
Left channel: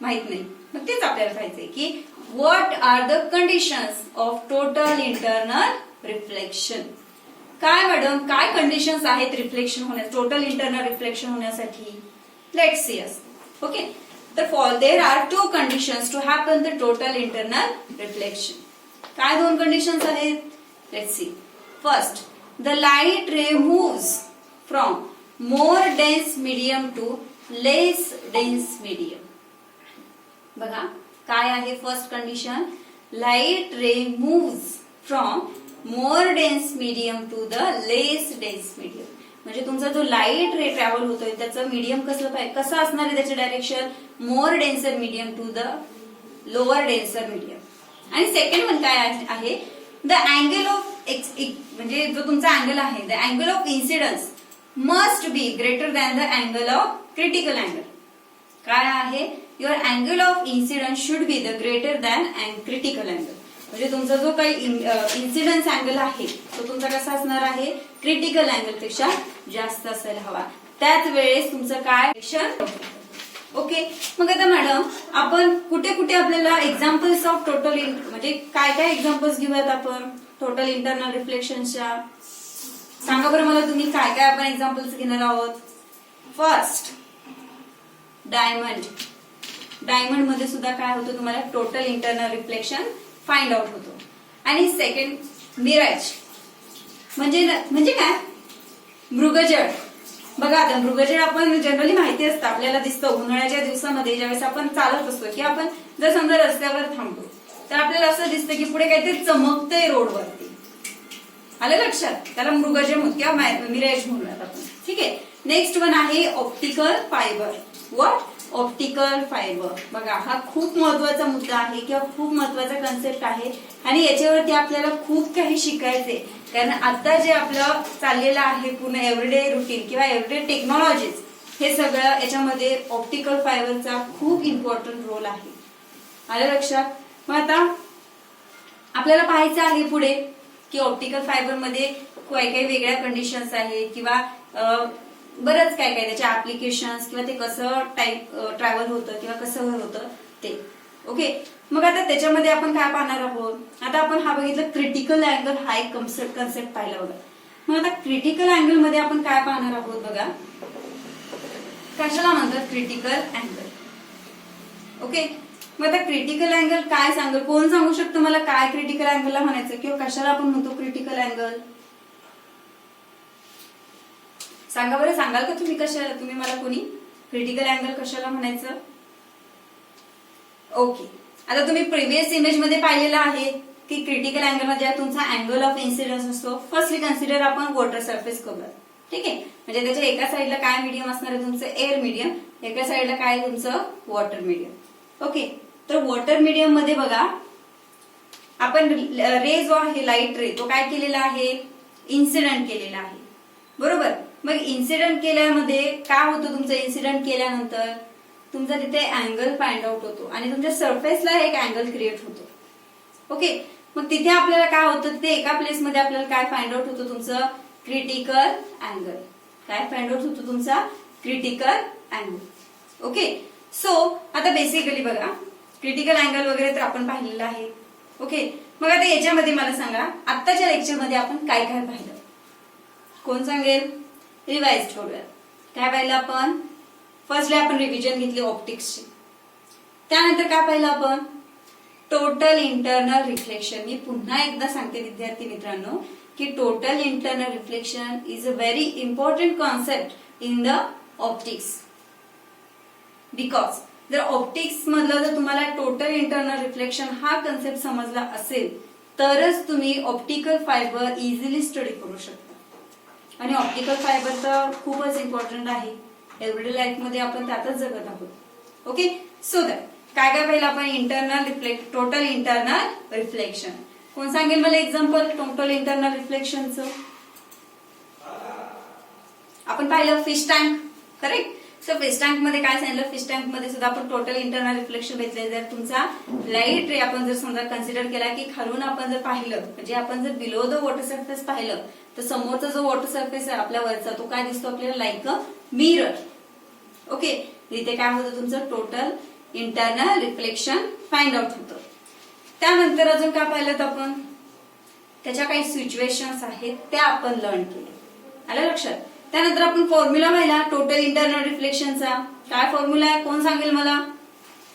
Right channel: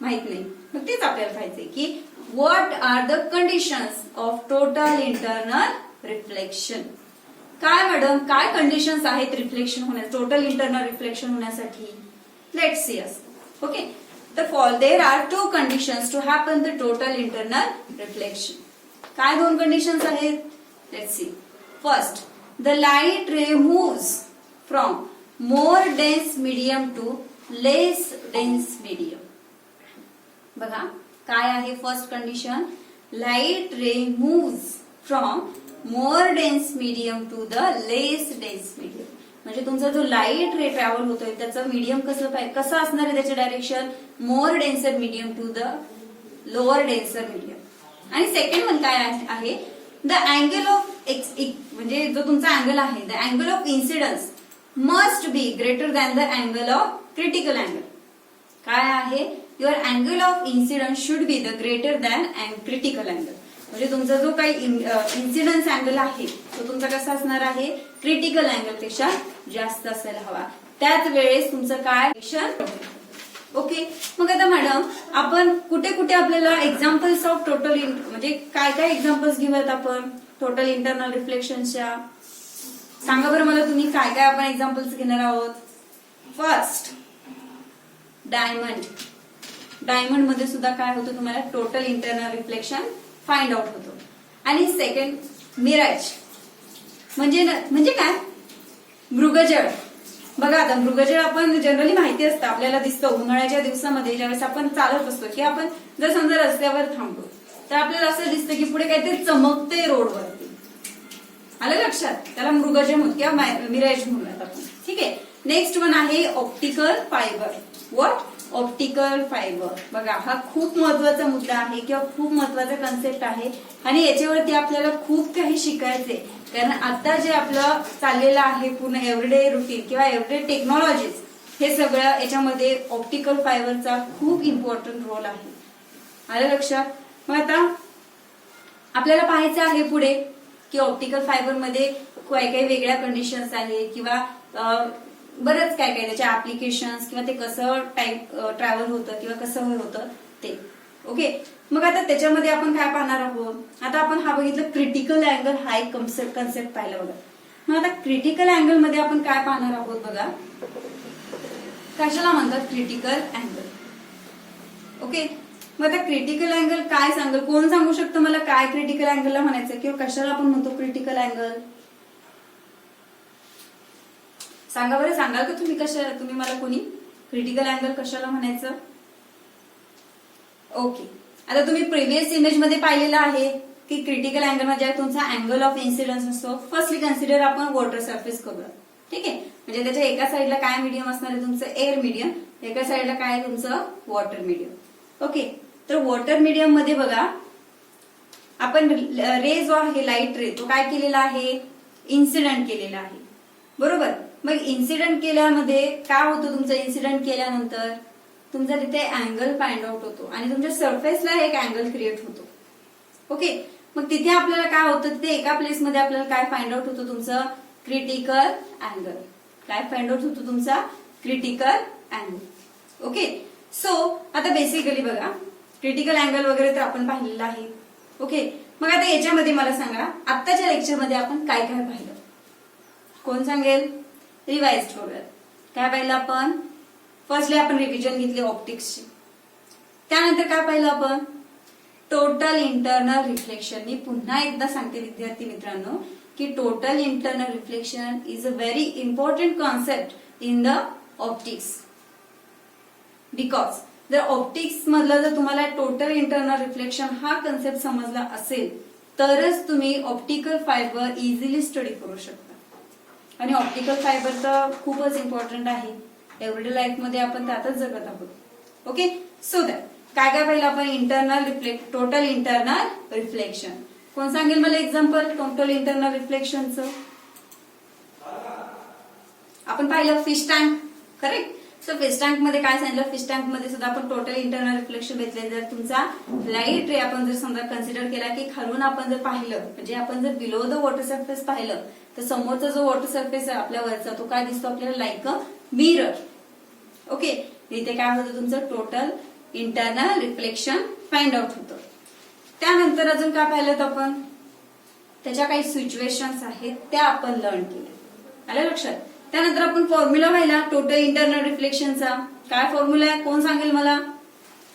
माहित नाही. मग तेच आपल्याला पाहिजे की what are the conditions of total internal reflection. काय मॅडम, काय कंडिशन्स आहेत रिफ्लेक्शन होण्यास, टोटल इंटरनल रिफ्लेक्शन होण्यासाठी? Let's see us. ओके, तर there are two conditions to happen the total internal reflection. काय दोन कंडिशन्स आहेत? Let's see. First, the light ray moves from more dense medium to less dense medium. बघा काय आहे first condition? Light ray moves from more dense medium to the less dense medium. म्हणजे तुमचा जो light ray travel होतोय त्याचं medium कसं असणार आहे? त्याचे direction more denser medium to the lower denser medium. आणि सेकंड वन काय आहे? द अँगल ऑफ म्हणजे जो तुमचा अँगल आहे, the angle of incidence must be greater than the angle of critical angle. काय आहे? Your angle of incidence should be the greater than critical angle. म्हणजे तुमचा जो काही इन्सिडन्स अँगल आहे तो तुमचा कसा असणार आहे? क्रिटिकल अँगल पेक्षा जास्त असायला हवा. त्याच वेळेस तुमचं काय? ओके, मग आता मॅडम आपण कुठे कुठे आपल्याला एक्झाम्पल्स ऑफ टोटल म्हणजे काय काय एक्झाम्पल्स घेऊयात आपण टोटल इंटरनल रिफ्लेक्शनच्या? सांगा बरं मला तुम्ही काय काय आपण एक्झाम्पल्स घेणार आहोत. First, diamond. डायमंड मध्ये सुद्धा काय होतं तुम्हाला? Total internal reflection find out होतो. आणि सेकंड, मिराज म्हणजे काय? मृगजळ. बघा आता मृगजळ आपण जनरली माहिती असतं, आपल्याला दिसतं उन्हाळ्याच्या दिवसामध्ये ज्यावेळेस आपण चालत असतो की आपण जर समजा रस्त्यावर थांबतो तर आपल्याला असं दिसतं की पुढे काहीतरी चमकते रोडवरती. आलं लक्षात? त्याला मृगजळ किंवा मिराज म्हणूयात आपण. ठीक आहे. नेक्स्ट वन आहे optical fibre. What? Optical fibre. बघा हा खूप महत्वाचा मुद्दा आहे किंवा खूप महत्वाचा कन्सेप्ट आहे आणि याच्यावरती आपल्याला खूप काही शिकायचंय. कारण आता जे आपलं चाललेलं आहे पूर्ण एव्हरीडे रुटीन किंवा एव्हरीडे टेक्नॉलॉजीज, हे सगळं याच्यामध्ये ऑप्टिकल फायबरचा खूप इम्पॉर्टंट रोल आहे. आलं लक्षात? मग आता आपल्याला पाहायचं आहे पुढे की ऑप्टिकल फायबरमध्ये काय काय वेगळ्या कंडिशन्स आहेत किंवा बरंच काय काय त्याच्या ऍप्लिकेशन्स किंवा ते कसं ट्रॅव्हल होतं किंवा कसं होतं ते. ओके, मग आता त्याच्यामध्ये आपण काय पाहणार आहोत? आता आपण हा बघितलं क्रिटिकल अँगल, हा एक कन्सेप्ट पाहिला बघा. मग आता क्रिटिकल अँगल मध्ये आपण काय पाहणार आहोत बघा. कशाला म्हणतात क्रिटिकल अँगल? ओके, मग आता क्रिटिकल अँगल काय सांगेल? कोण सांगू शकतं मला काय क्रिटिकल अँगलला म्हणायचं किंवा कशाला आपण म्हणतो क्रिटिकल अँगल? सांगा बरं, सांगाल का तुम्ही कशाला? तुम्ही मला कोणी क्रिटिकल अँगल कशाला म्हणायचं? ओके, आता तुम्ही प्रिव्हियस इमेज मध्ये पाहिलेलं आहे की क्रिटिकल अँगल मध्ये तुमचा अँगल ऑफ इन्सिडन्स असतो. फर्स्टली कन्सिडर आपण वॉटर सरफेस करूया. ठीक आहे. म्हणजे त्याच्या एका साईडला काय मीडियम असणार आहे तुमचं एअर मीडियम, एका साईडला काय तुमचं वॉटर मीडियम. ओके. तर वॉटर मीडियम मध्ये बघा आपण रे जो आहे लाईट रे तो काय केलेला आहे, इन्सिडेंट केलेला आहे. बरोबर. मग इन्सिडेंट केल्यामध्ये काय होतं तुमचं, इन्सिडेंट केल्यानंतर तुमचा तिथे अँगल फाइंड आउट होतो आणि तुमच्या सरफेसला एक अँगल क्रिएट होतो. ओके. मग तिथे आपल्याला काय होतं, तिथे एका प्लेसमध्ये आपल्याला काय फाइंड आउट होतं तुमचं क्रिटिकल अँगल. काय फाइंड आउट होतो तुमचा क्रिटिकल अँगल. ओके. सो आता बेसिकली बघा क्रिटिकल अँगल वगैरे तर आपण पाहिलेलं आहे. ओके. मग आता याच्यामध्ये मला सांगा आत्ताच्या लेक्चरमध्ये आपण काय काय पाहिलं, कोण सांगेल, रिवाइज करूया. काय पाहिलं आपण, फर्स्टली आपण रिव्हिजन घेतली ऑप्टिक्सची. त्यानंतर काय पाहिलं आपण, टोटल इंटरनल रिफ्लेक्शन. मी पुन्हा एकदा सांगते विद्यार्थी मित्रांनो की total internal reflection is a very important concept in the optics. Because जर ऑप्टिक्स मधलं जर तुम्हाला टोटल इंटरनल रिफ्लेक्शन हा कन्सेप्ट समजला असेल तरच तुम्ही ऑप्टिकल फायबर इझिली स्टडी करू शकता. आणि ऑप्टिकल फायबर तर खूपच इम्पॉर्टंट आहे, एव्हरीडे लाईफ मध्ये आपण त्यातच जगत आहोत. ओके. सो दॅट काय काय पाहिलं आपण, टोटल इंटरनल रिफ्लेक्शन. कोण सांगेल मला एक्झाम्पल टोटल इंटरनल रिफ्लेक्शनचं. आपण पाहिलं fish tank. Correct. So fish tank मध्ये काय सांगितलं, फिश टँक मध्ये सुद्धा आपण टोटल इंटरनल रिफ्लेक्शन घेतले. जर तुमचा लाईट रे आपण जर समजा कन्सिडर केला की खालून आपण जर पाहिलं, म्हणजे आपण जर बिलो द वॉटर सरफेस पाहिलं तर समोरचा जो वॉटर सरफेस आहे आपल्या वरचा तो काय दिसतो आपल्याला, लाईक अ मिरर. ओके. इथे काय होतं तुमचं total internal reflection find out होतं. त्यानंतर अजून काय पाहिलं आपण, त्याच्या काही सिच्युएशन्स आहेत त्या आपण लर्न केले. आलं लक्षात. त्यानंतर आपण फॉर्म्युला पाहिला टोटल इंटरनल रिफ्लेक्शनचा. काय फॉर्म्युला आहे कोण सांगेल मला.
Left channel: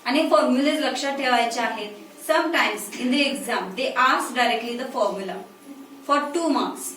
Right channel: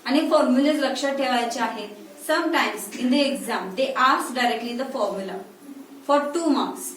आणि फॉर्म्युलेज लक्षात ठेवायचे आहेत. Sometimes in the exam they ask directly the formula for 2 marks.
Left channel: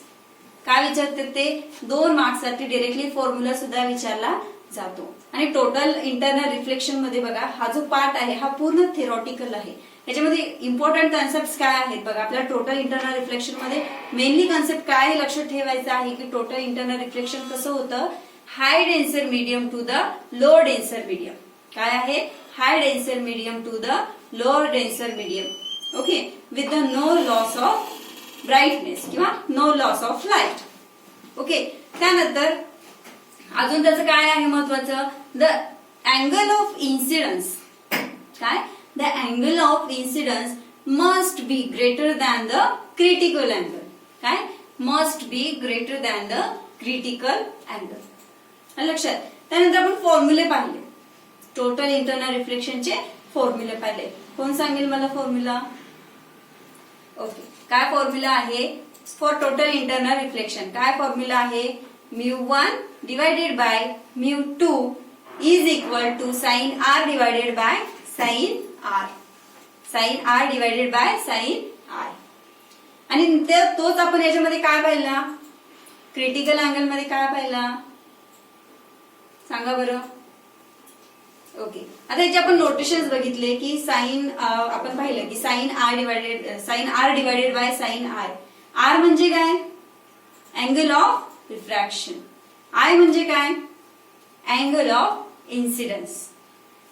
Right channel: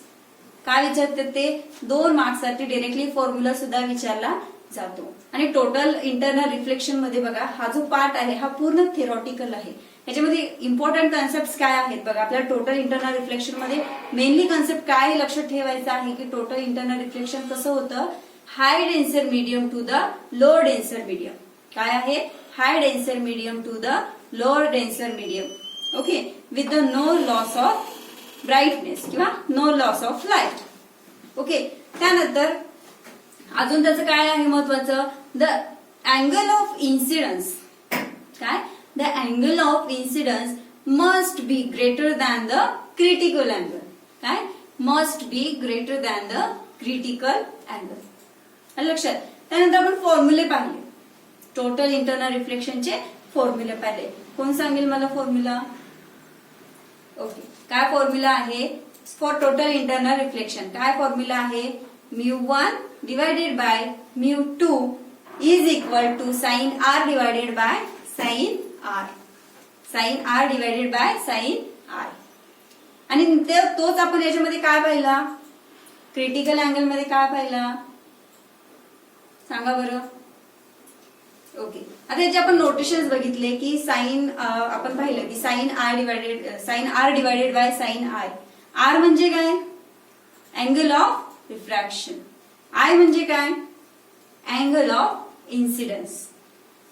काय विचारतात ते, 2 मार्क्ससाठी डायरेक्टली फॉर्म्युला सुद्धा विचारला जातो. आणि टोटल इंटरनल रिफ्लेक्शन मध्ये बघा हा जो पार्ट आहे हा पूर्ण थेरॉटिकल आहे. याच्यामध्ये इम्पॉर्टंट कॉन्सेप्ट काय आहेत बघा. आपल्याला टोटल इंटरनल रिफ्लेक्शन मध्ये मेनली कॉन्सेप्ट काय लक्षात ठेवायचं आहे की टोटल इंटरनल रिफ्लेक्शन कसं होतं, high denser medium to the low denser medium. काय आहे, high denser medium to the low denser medium. Okay. With the no loss of brightness किंवा no loss of light. Okay. त्यानंतर अजून त्याचं काय आहे महत्वाचं, द अँगल ऑफ इन्सिडन्स. काय, the angle of incidence must be greater than the critical angle. काय, must be greater than the critical angle. लक्षात. त्यानंतर आपण फॉर्म्युले पाहिले, टोटल इंटरनल रिफ्लेक्शनचे फॉर्म्युले पाहिले. कोण सांगेल मला फॉर्म्युला. ओके. काय फॉर्म्युला आहे फॉर टोटल इंटरनल रिफ्लेक्शन. काय फॉर्म्युला आहे, μ1 divided by μ2 is equal to sin r divided by sin r. sin r divided by sin r. आणि तोच आपण याच्यामध्ये काय पाहिला, क्रिटिकल अँगल मध्ये काय पाहिला सांगा बरं. ओके. आता याचे आपण नोटेशन्स बघितले की साइन आपण पाहिलं की sine R divided by sine I. R म्हणजे काय, अँगल ऑफ रिफ्रॅक्शन. आय म्हणजे काय, अँगल ऑफ इन्सिडन्स.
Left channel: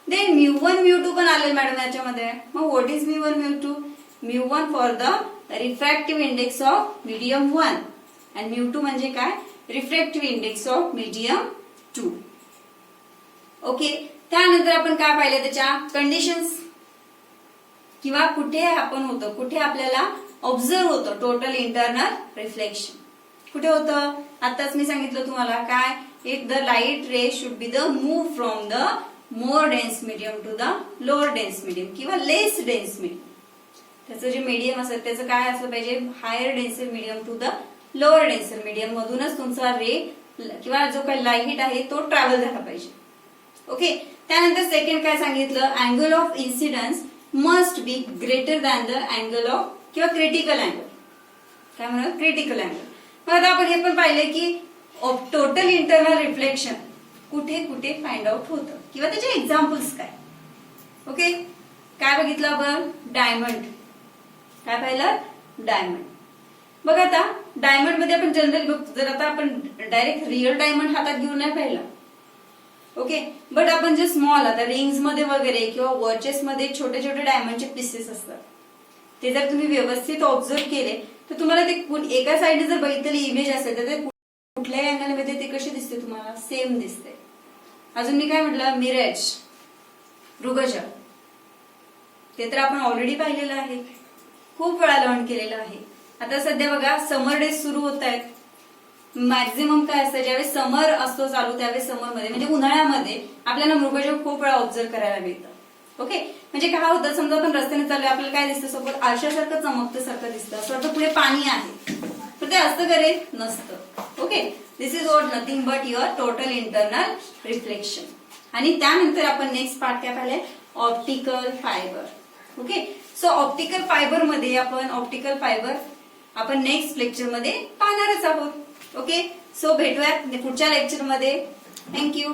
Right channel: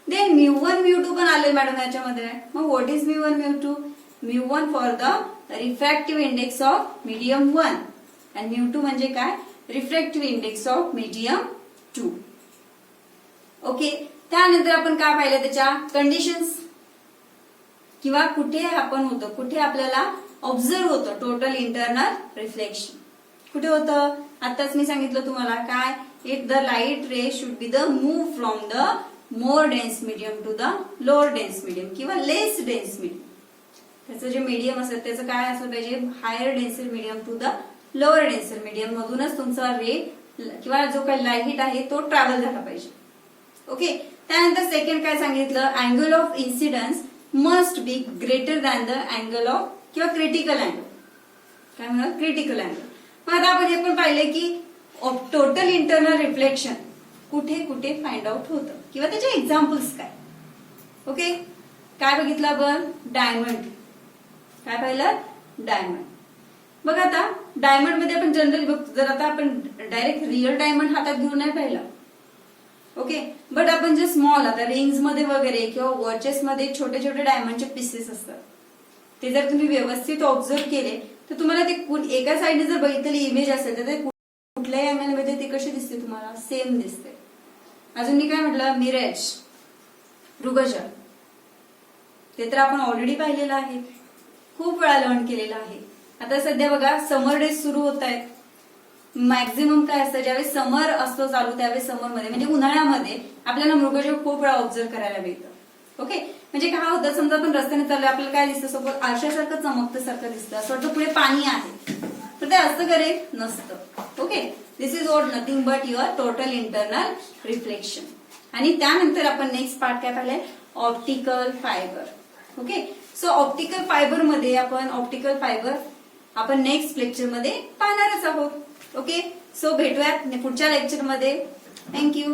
देन μ1 μ2 पण आले मॅडम याच्यामध्ये. मग what is μ1 μ2, μ1 for the refractive index of medium 1 आणि μ2 म्हणजे काय, refractive index of medium 2. Okay. त्यानंतर आपण काय पाहिलं, त्याच्या कंडिशन्स किंवा कुठे आपण होतं, कुठे आपल्याला ऑब्झर्व होतं टोटल इंटरनल रिफ्लेक्शन. कुठे होतं, आताच मी सांगितलं तुम्हाला काय, if the light ray should be the move from the more dense medium to the lower dense medium किंवा लेस डेन्स मीडियम. त्याचं जे मीडियम असेल त्याचं काय असलं पाहिजे, higher denser medium to the lower denser medium मधूनच तुमचा रे किंवा जो काही लाईट आहे तो ट्रॅव्हल झाला पाहिजे. ओके. त्यानंतर सेकंड काय सांगितलं, angle of incidence must be greater than the angle of किंवा क्रिटिकल अँगल. काय म्हणतात, क्रिटिकल अँगल. मग आता आपण हे पण पाहिले की टोटल इंटरनल रिफ्लेक्शन कुठे कुठे फाइंड आउट होतं किंवा त्याचे एक्झाम्पल्स काय. ओके. काय बघितलं आपण, डायमंड. काय पाहिलं, डायमंड. बघा आता डायमंड मध्ये आपण जनरली बघतो, जर आता आपण डायरेक्ट रिअल डायमंड हातात घेऊन नाही पाहिला, ओके, बट आपण जे स्मॉल आता रिंग्स मध्ये वगैरे किंवा वॉचेस मध्ये छोटे छोटे डायमंडचे पीसेस असतात, ते जर तुम्ही व्यवस्थित ऑब्झर्व केले तर तुम्हाला ते एका साईडने जर बघितलेली इमेज असेल तर ते कुठल्याही अँगलमध्ये ते कशी दिसते तुम्हाला, सेम दिसते. अजून मी काय म्हटलं, मिरज, मृगजळ, ते तर आपण ऑलरेडी पाहिलेलं आहे, खूप वेळा लर्न केलेलं आहे. आता सध्या बघा समर डेज सुरू होत आहेत. मॅक्झिमम काय असतं, ज्यावेळेस समर असतो चालू त्यावेळेस समरमध्ये म्हणजे उन्हाळ्यामध्ये आपल्याला मृगजळ खूप वेळा ऑब्झर्व करायला मिळतं. ओके, म्हणजे काय होतं, समजा आपण रस्त्याने चाललोय, आपल्याला काय दिसतं, सोबत आरशासारखं चमकतं सारखं दिसतं, असं वाटतं पुढे पाणी आहे, तर ते असं करेल नसतं. Okay, this is what nothing but your total internal reflection. आणि त्यानंतर आपण नेक्स्ट पार्ट काय पाहिलंय, optical fibre. Okay, so optical fibre मध्ये आपण नेक्स्ट लेक्चरमध्ये पाहणारच आहोत. ओके, सो भेटूयात पुढच्या लेक्चरमध्ये. थँक्यू.